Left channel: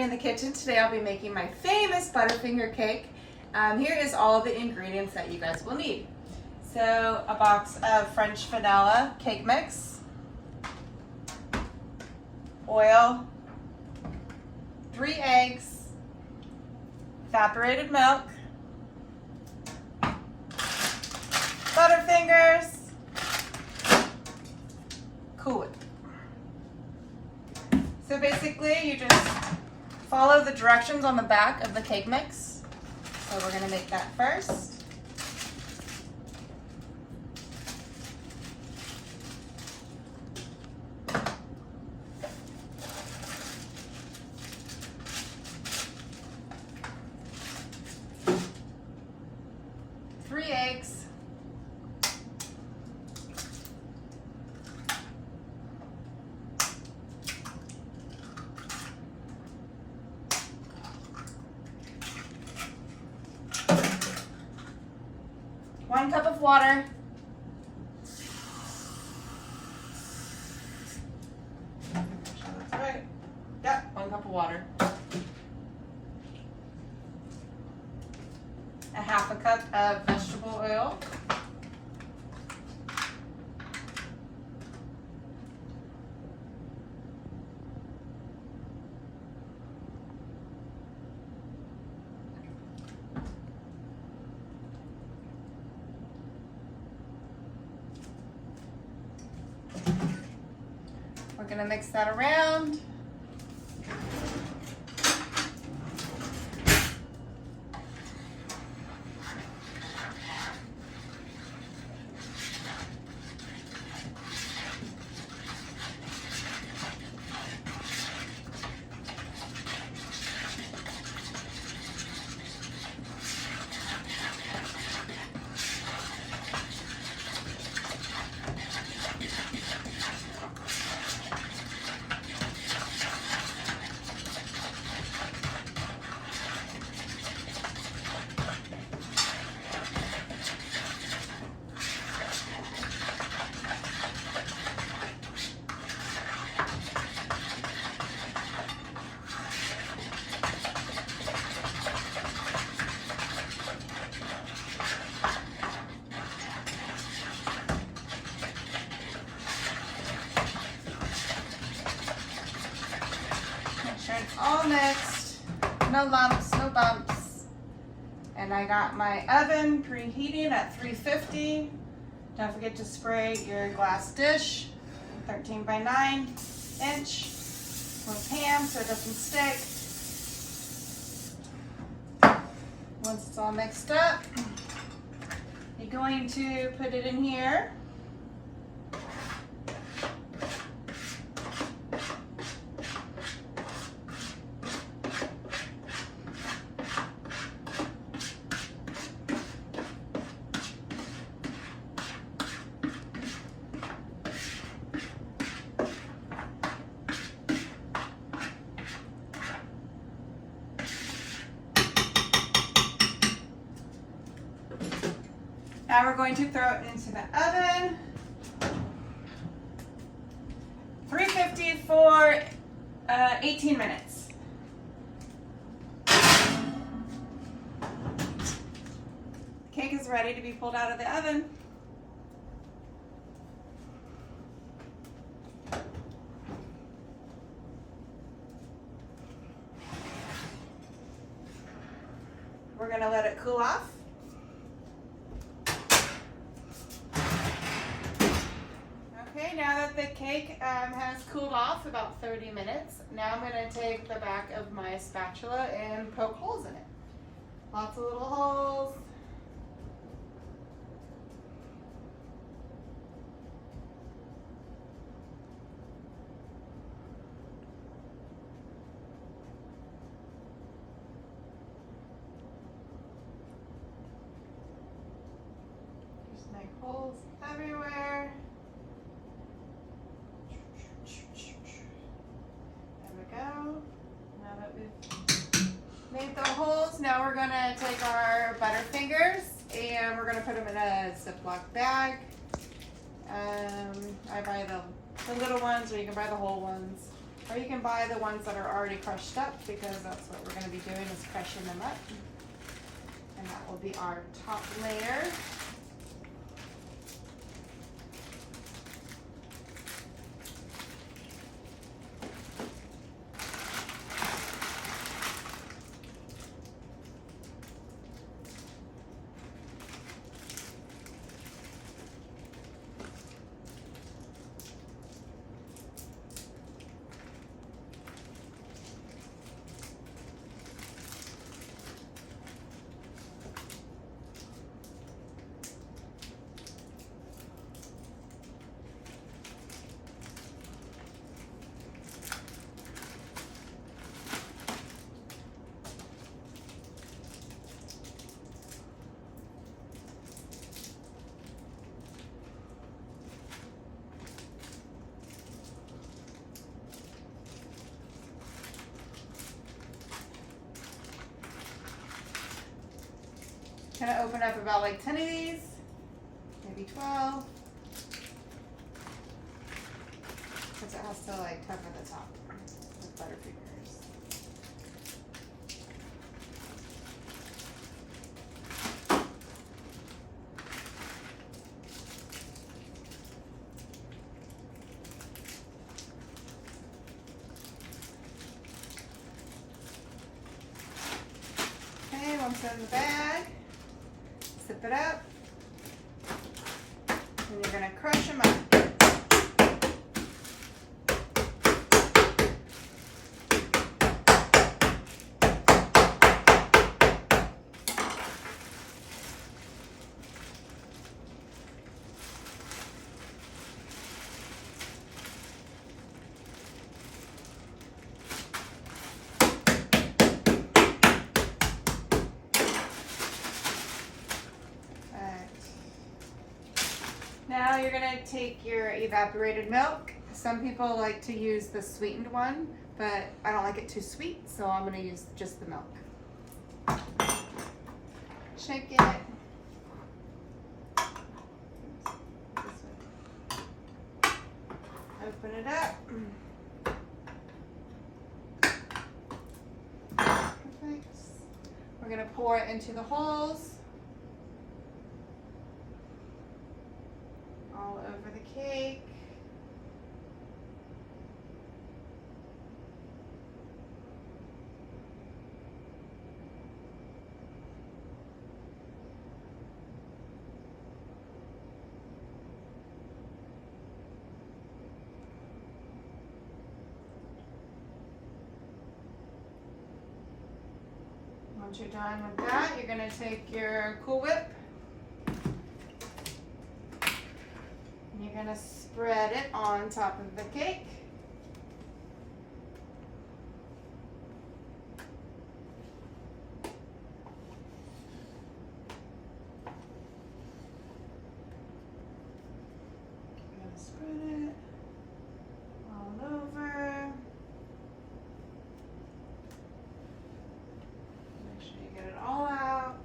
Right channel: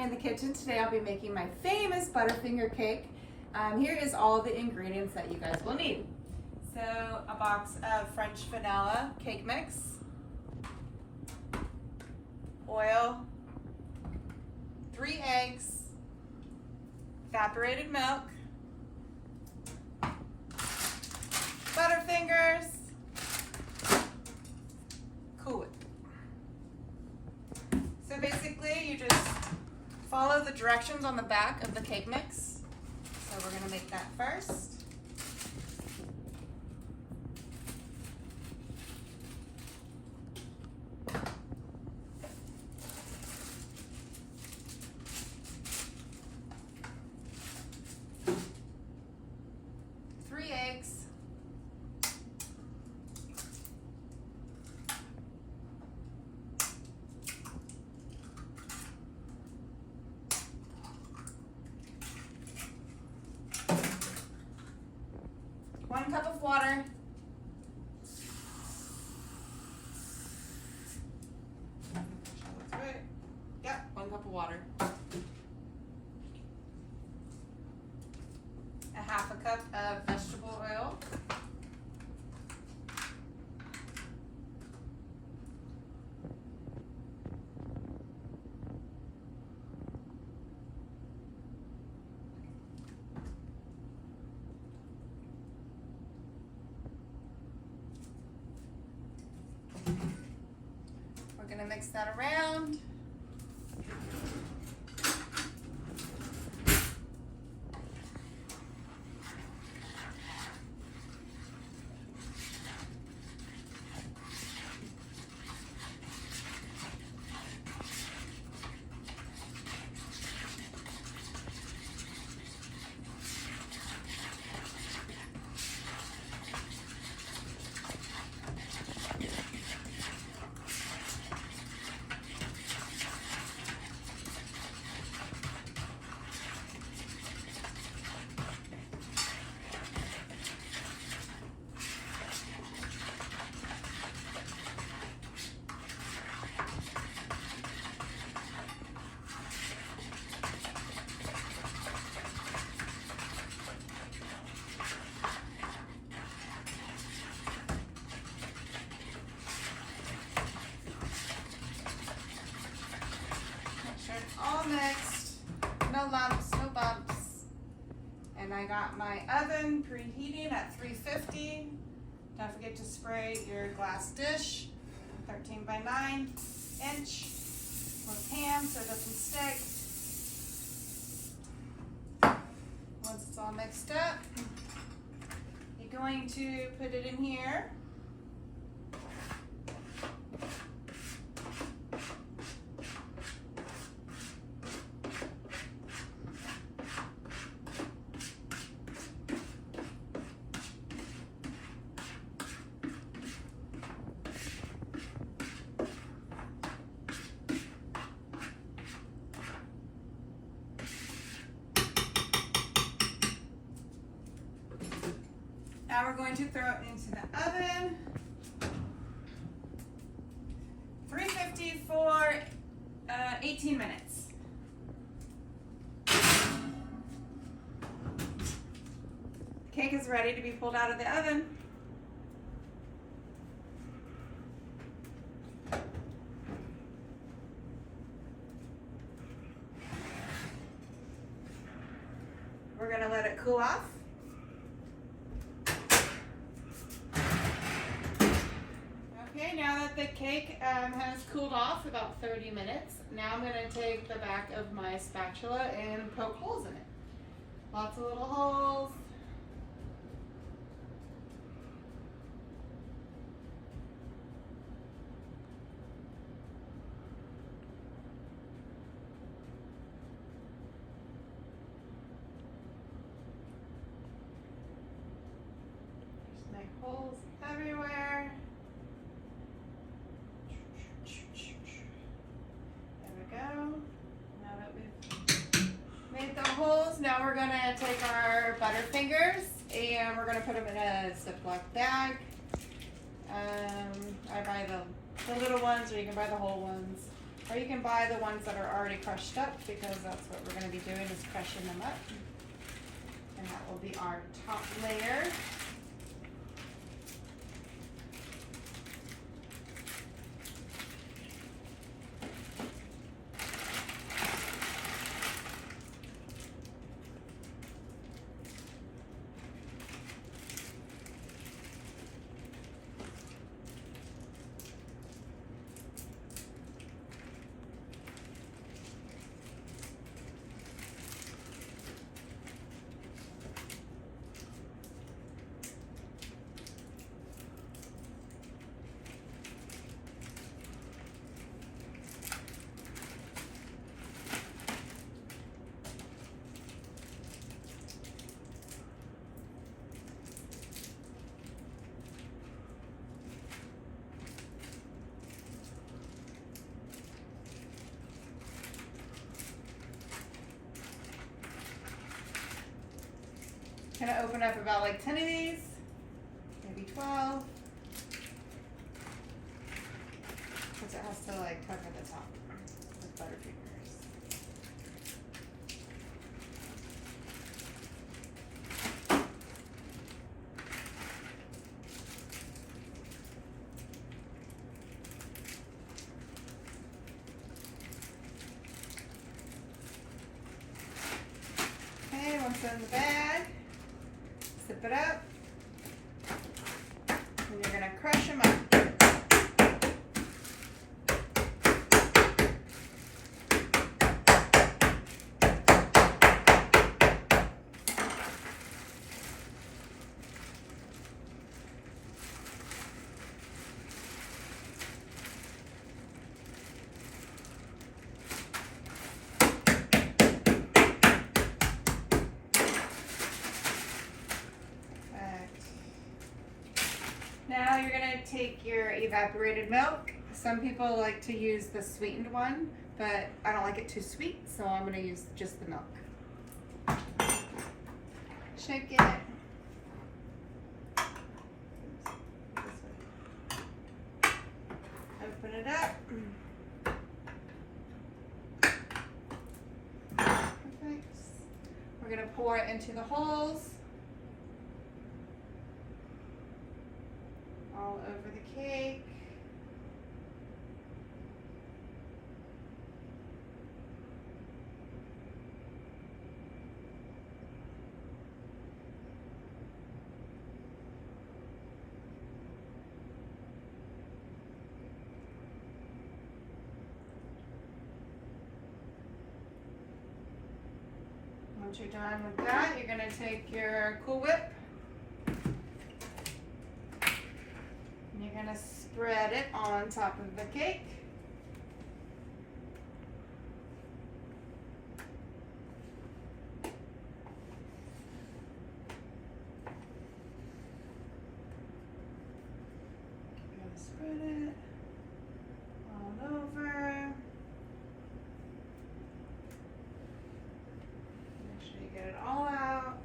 me in the kitchen. Today I'll be making my famous Butterfinger cake. Here is all of the ingredients that you guys will need. So a box of French vanilla cake mix, oil, 3 eggs, evaporated milk, Butterfingers, cool it. So basically you just follow the directions on the back of the cake mix. So we're going to make that first. Three eggs. One cup of water. That's right. Yep, 1 cup of water. A half a cup of vegetable oil. We're going to mix that around. It's all mixed, no lumps, no bumps. And I got my oven preheating at 350. Don't forget to spray your glass dish, 13 by 9 inch with ham so it doesn't stick. Once it's all mixed up, you're going to put it in here. Now we're going to throw it into the oven, 350 for 18 minutes. The cake is ready to be pulled out of the oven. We're going to let it cool off. Okay, now that the cake has cooled off about 30 minutes, now I'm going to take the back of my spatula and poke holes in it. Lots of little holes. Just make holes everywhere. Now we're gonna take our Butterfingers and we're gonna put them in a Ziploc bag. I buy the little ones, or you can buy the whole ones. Or you can buy the ones that are already crushed up, because that's what we're going to be doing, is crushing them up. And that will be our top layer. Gonna open up about like 10 of these, maybe 12. Because it has to like cover the top with Butterfingers. Okay, once in the bag. Zip it up, and you're going to crush them up. Now you're going to take your evaporated milk. Some people like to use the sweetened one, but I don't like it too sweet, so I'm going to use just the milk. Shake it. Open it up. Perfect. We're going to pour it into the holes. All over the cake. Once you're done with that, you're going to take your Cool Whip. You're going to spread it on top of the cake. You're going to spread it all over. Make sure you get it all out.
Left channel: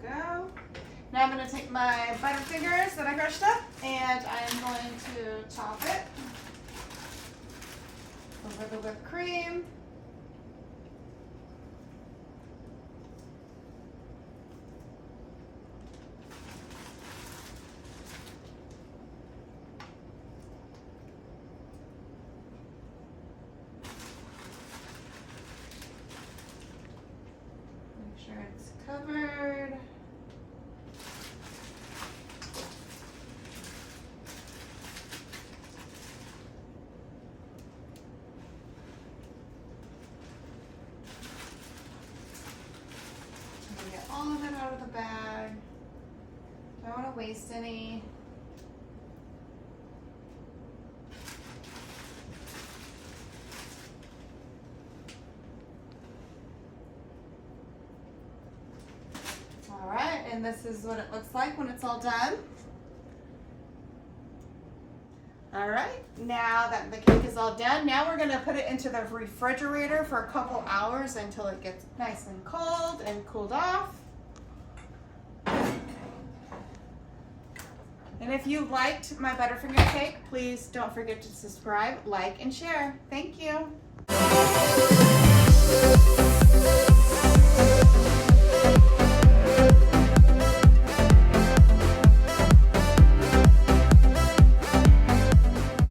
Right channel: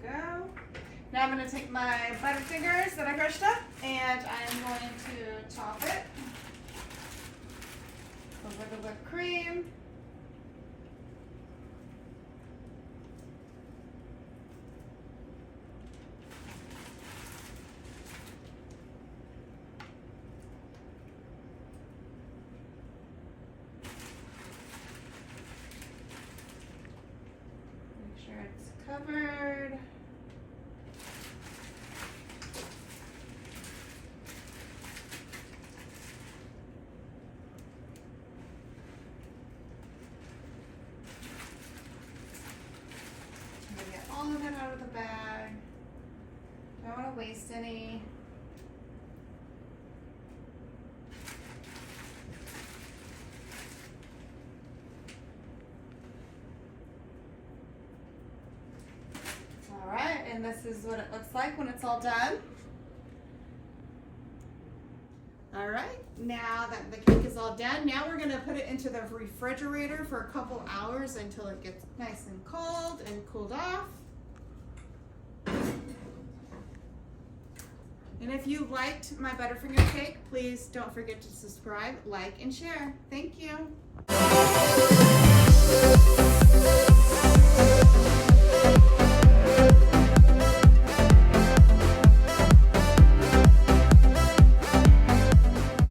Go. Now I'm going to take my Butterfingers that I crushed up, and I am going to top it over the whipped cream. Make sure it's covered. All of it out of the bag. Don't want to waste any. And this is what it looks like when it's all done. All right, now that the cake is all done, now we're gonna put it into the refrigerator for a couple hours until it gets nice and cold and cooled off. And if you liked my Butterfinger cake, please don't forget to subscribe, like, and share. Thank you.